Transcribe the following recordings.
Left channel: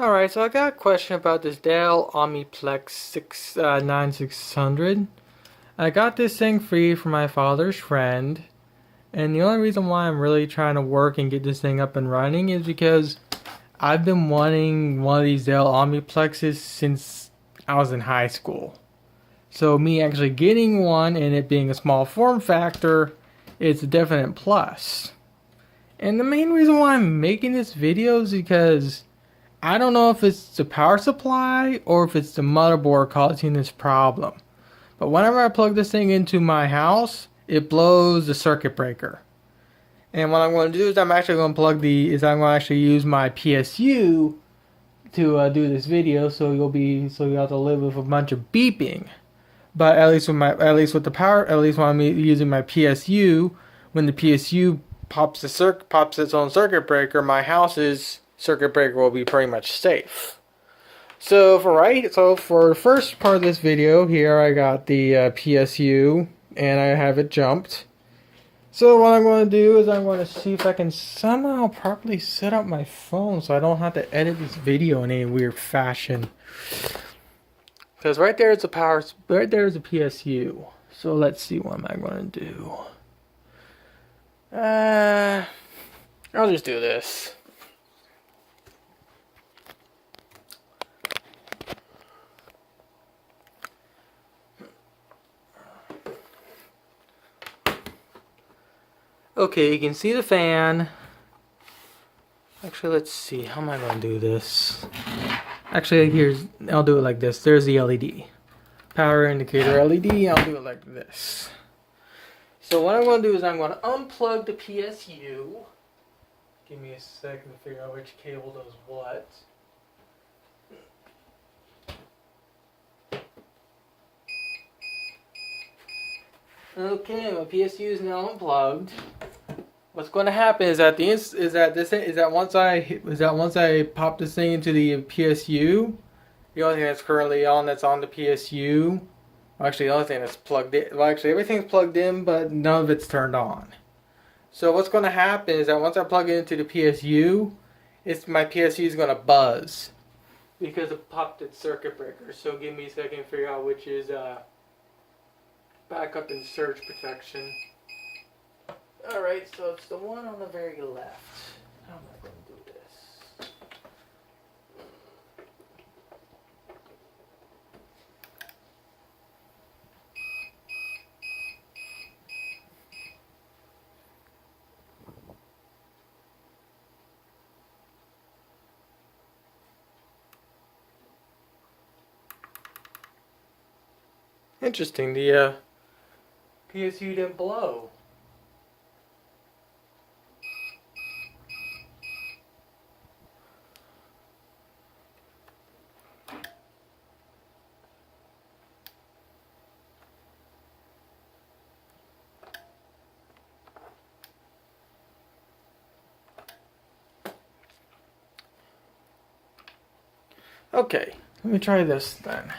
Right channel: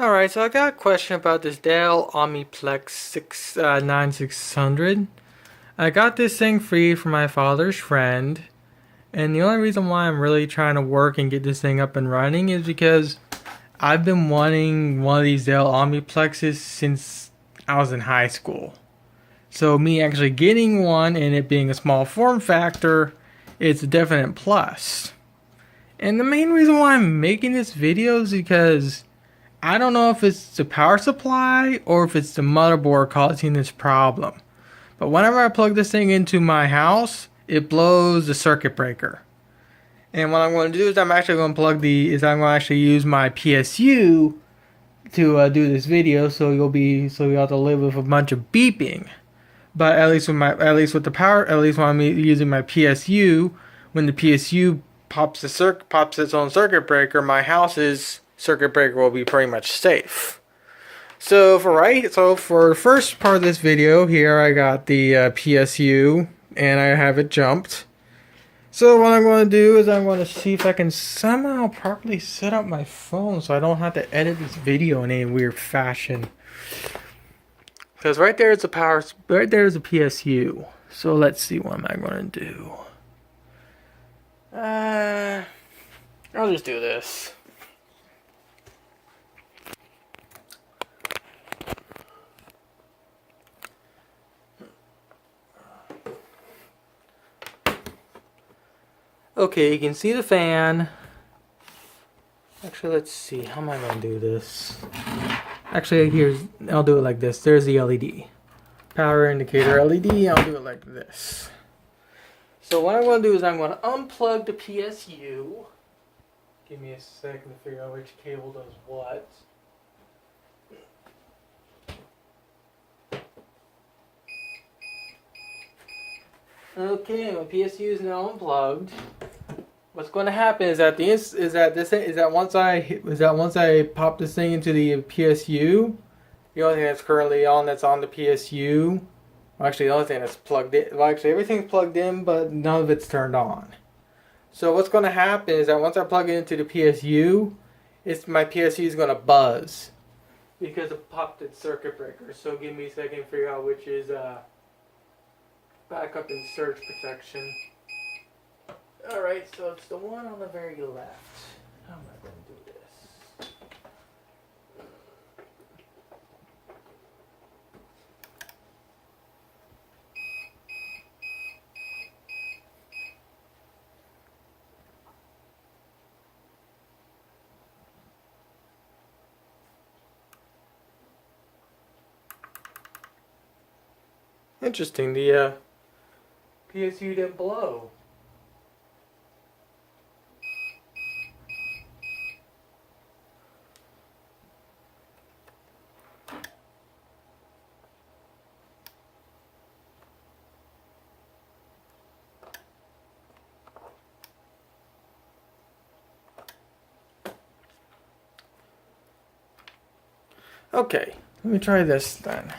Alright, so I got a question about this Dell Optiplex 9600. I got this thing free from my father's friend, and the only reason why I'm really trying to work and get this thing up and running is because I've been wanting one of these Dell Optiplexes since I was in high school. So me actually getting one and it being a small form factor, it's a definite plus. And the main reason why I'm making this video is because I don't know if it's the power supply or if it's the motherboard causing this problem. But whenever I plug this thing into my house, it blows the circuit breaker. And what I'm going to do is I'm actually going to actually use my PSU to do this video, so you'll have to live with a bunch of beeping. But at least when I'm using my PSU, when the PSU pops its own circuit breaker, my house's circuit breaker will be pretty much safe. So for the first part of this video here, I got the PSU and I have it jumped. So what I'm going to do is I'm going to see if I can somehow properly set up my phone so I don't have to edit this video in any weird fashion. Because right there is the PSU. So let's see, what am I going to do? I'll just do this. Okay, you can see the fan. Actually, let's see. How am I going to do this? Actually, I'll do it like this. There's the LED. Power indicator LED. I'll do it like this. So what I'm going to do is I'm going to unplug the PSU. Give me a second to figure out which cable does what. Okay, my PSU is now unplugged. What's going to happen is that once I pop this thing into the PSU, the only thing that's currently on that's on the PSU, well, actually the only thing that's plugged in, well, actually everything's plugged in, but none of it's turned on. So what's going to happen is that once I plug it into the PSU, my PSU is going to buzz because it popped its circuit breaker. So give me a second to figure out which is backup and surge protection. Alright, so it's the one on the very left. How am I going to do this? Interesting, the PSU didn't blow. Okay, let me try this then.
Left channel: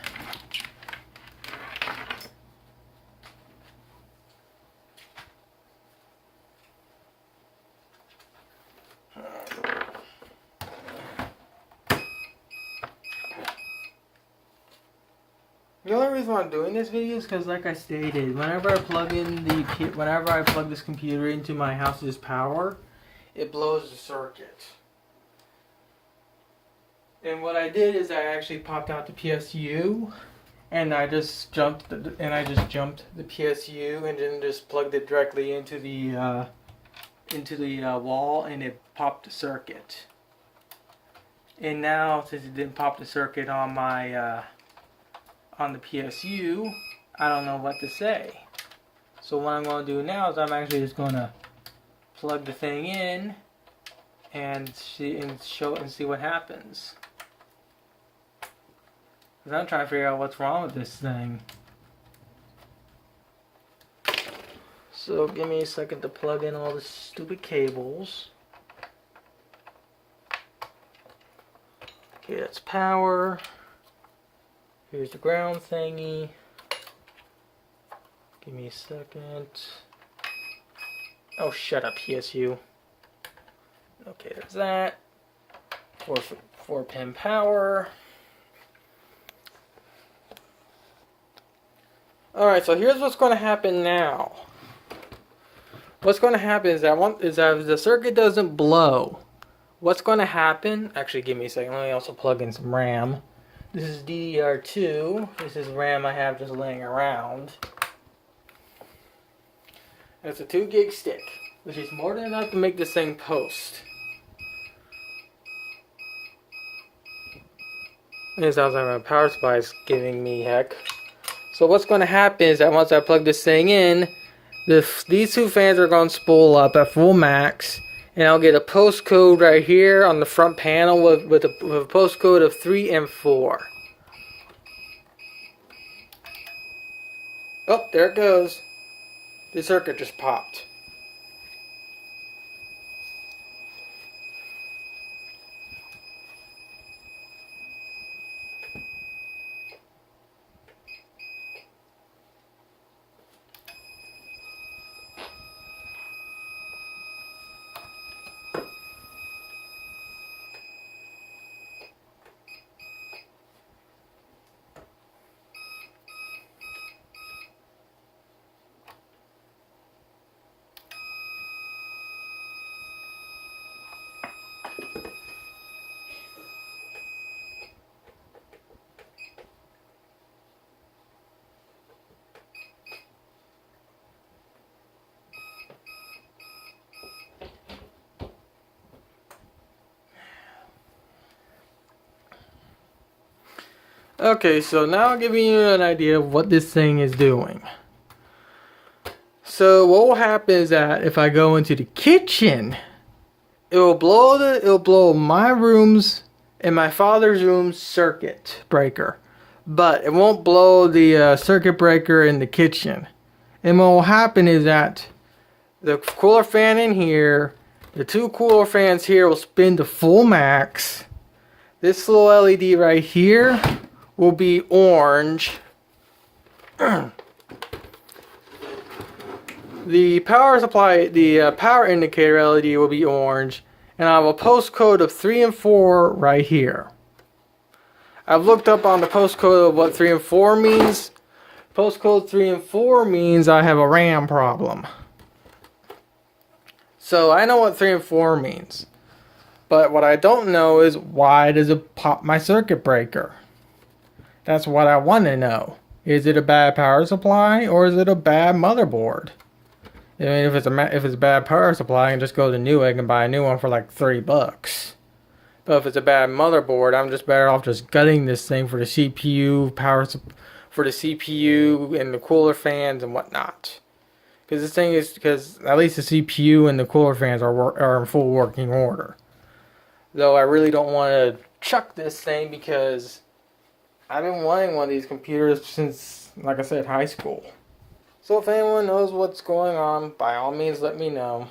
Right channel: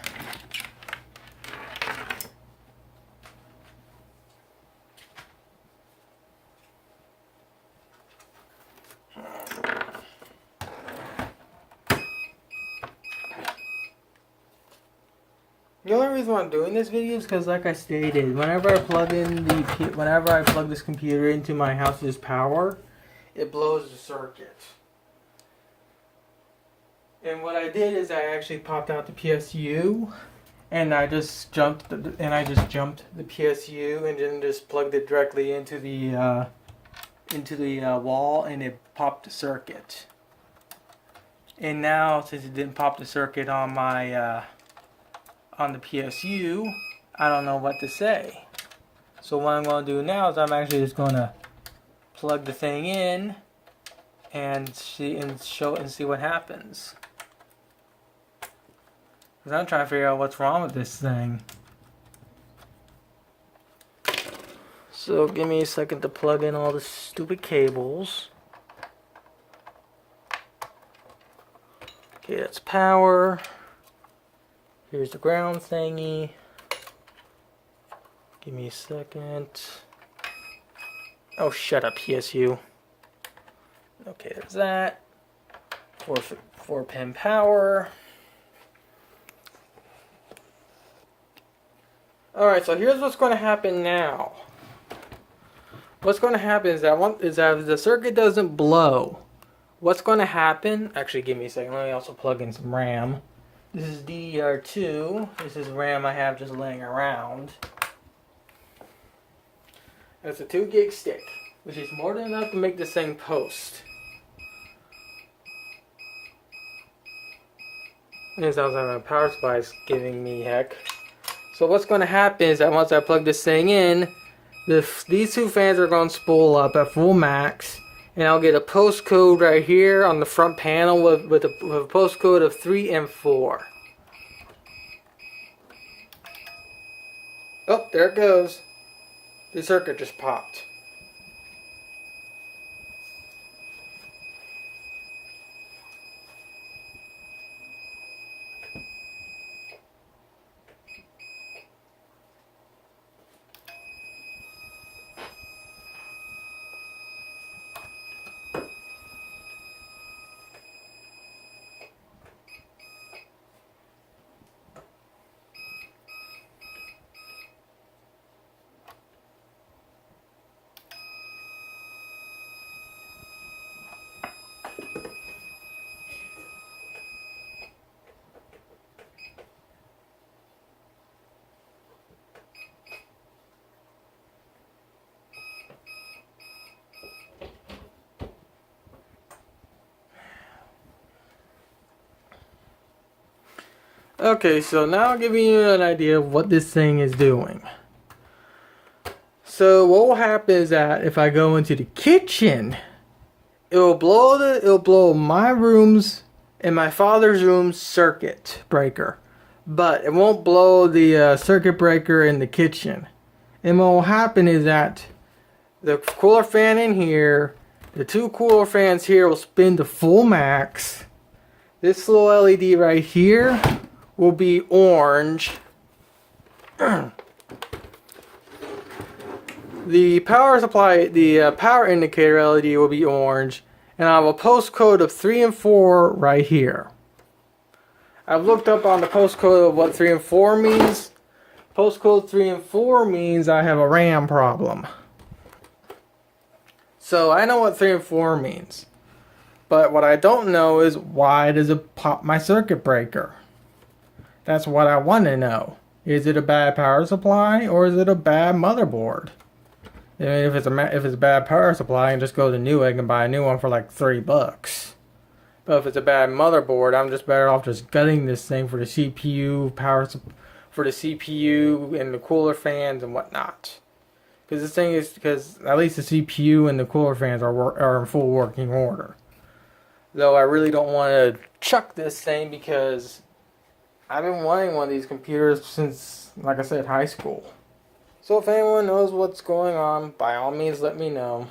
The only reason why I'm doing this video is because, like I stated, whenever I plug this computer into my house's power, it blows the circuit. And what I did is I actually popped out the PSU, and I just jumped the PSU, and then just plugged it directly into the wall, and it popped the circuit. And now, since it didn't pop the circuit on my on the PSU, I don't know what to say. So what I'm going to do now is I'm actually just going to plug the thing in and see what happens. Because I'm trying to figure out what's wrong with this thing. So give me a second to plug in all the stupid cables. Okay, that's power. Here's the ground thingy. Give me a second. Oh, shut up, PSU. Okay, there's that. 4-pin power. Alright, so here's what's going to happen now. What's going to happen is that if the circuit doesn't blow, what's going to happen, actually give me a second, let me also plug in some RAM. This is DDR2, this is RAM I have just laying around. That's a 2 gig stick, which is more than enough to make this thing post. This sounds like my power supply is giving me heck. So what's going to happen is that once I plug this thing in, these two fans are going to spool up at full max, and I'll get a postcode right here on the front panel with a postcode of 3 and 4. Oh, there it goes. The circuit just popped. Okay, so now I'll give you an idea of what this thing is doing. So what will happen is that if I go into the kitchen, it will blow my room's and my father's room's circuit breaker, but it won't blow the circuit breaker in the kitchen. And what will happen is that the cooler fan in here, the 2 cooler fans here will spin to full max. This little LED right here will be orange. The power supply, the power indicator LED will be orange, and I have a postcode of 3 and 4 right here. I've looked up on the postcode of what 3 and 4 means. Postcode 3 and 4 means I have a RAM problem. So I know what 3 and 4 means. But what I don't know is why does it pop my circuit breaker? That's what I want to know. Is it a bad power supply or is it a bad motherboard? I mean, if it's a bad power supply, I can just go to Newegg and buy a new one for like $30. But if it's a bad motherboard, I'm just better off just gutting this thing for the CPU for the CPU and the cooler fans and whatnot. Because this thing is at least the CPU and the cooler fans are in full working order. Though I really don't want to chuck this thing because I've been wanting one of these computers since, like I said, high school. So if anyone knows what's going on, by all means let me know.